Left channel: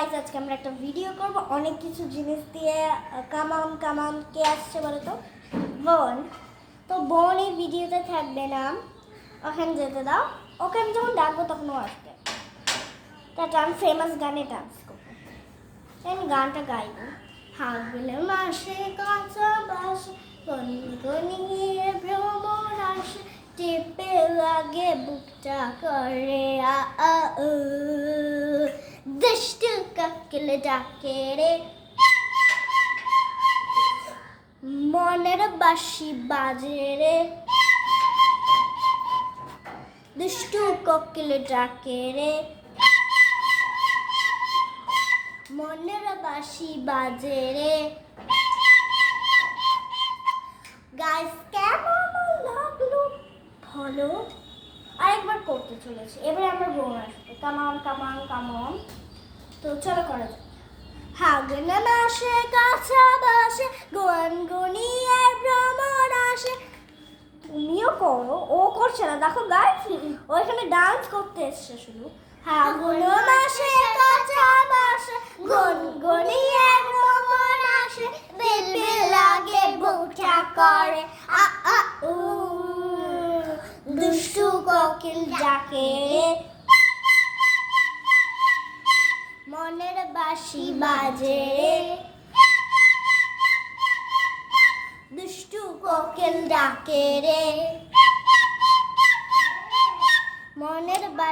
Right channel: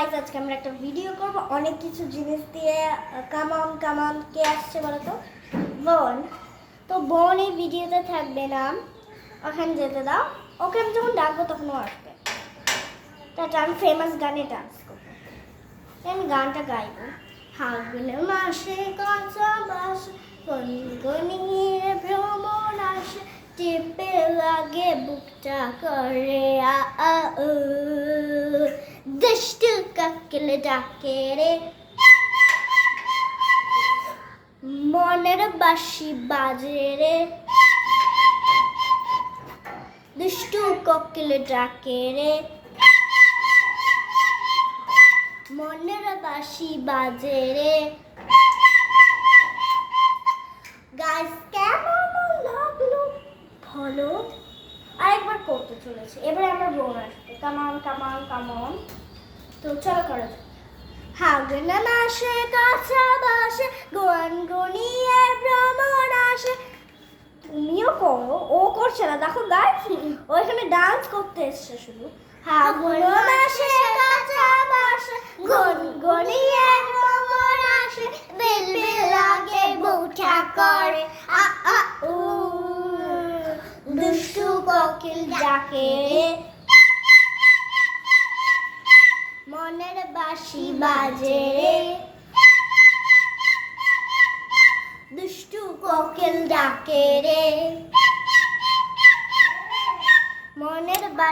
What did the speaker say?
Guys আজকে আমরা একটা ভিডিও করব অনেক কিছু জিনিস দিয়ে। কামান কে আসছে বলো তো? বোন। তো বোন এই ভিডিওতে থাকবে না, ওখানে যেতে দাও। ওকে আমি যখন ডাকবো তখন ও আসবে। তারপর আমি ফেমাস গানে ডান্স করবো। আমি গানটা গাইবো। ফাগুন মাসে কাঁচা বাস গনগনিয়ে ভ্রমণ আসে, টিপে লাগে বুকটা করে আ আ উ, দুষ্টু কাকেল ডাকে রে, মনের বাঁশি বাজে রে, দুষ্টু কোকিল ডাকে রে, মনের বাঁশি বাজে রে। গাইস কেমন লাগলো ভালো? আরেকবার করতে চলেছে, এবারে আমার বোন আসবে। কামান। তো চলো করা যাক। ফাগুন মাসে কাঁচা বাসে গনগনিয়ে ভ্রমণ আসে। তুমিও করো, ও করছে না দেখো গাইস, ও এখানে ডান্স করতে এসছে শুধু। ফাগুন মাসে কাঁচা বাসে গনগনিয়ে ভ্রমণ আসে, বেল লাগে বউটা করে আ আ উ, দুষ্টু কোকিল ডাকে, মনের বাঁশি বাজে, দুষ্টু কোকিল ডাকে রে, মনের বাঁশি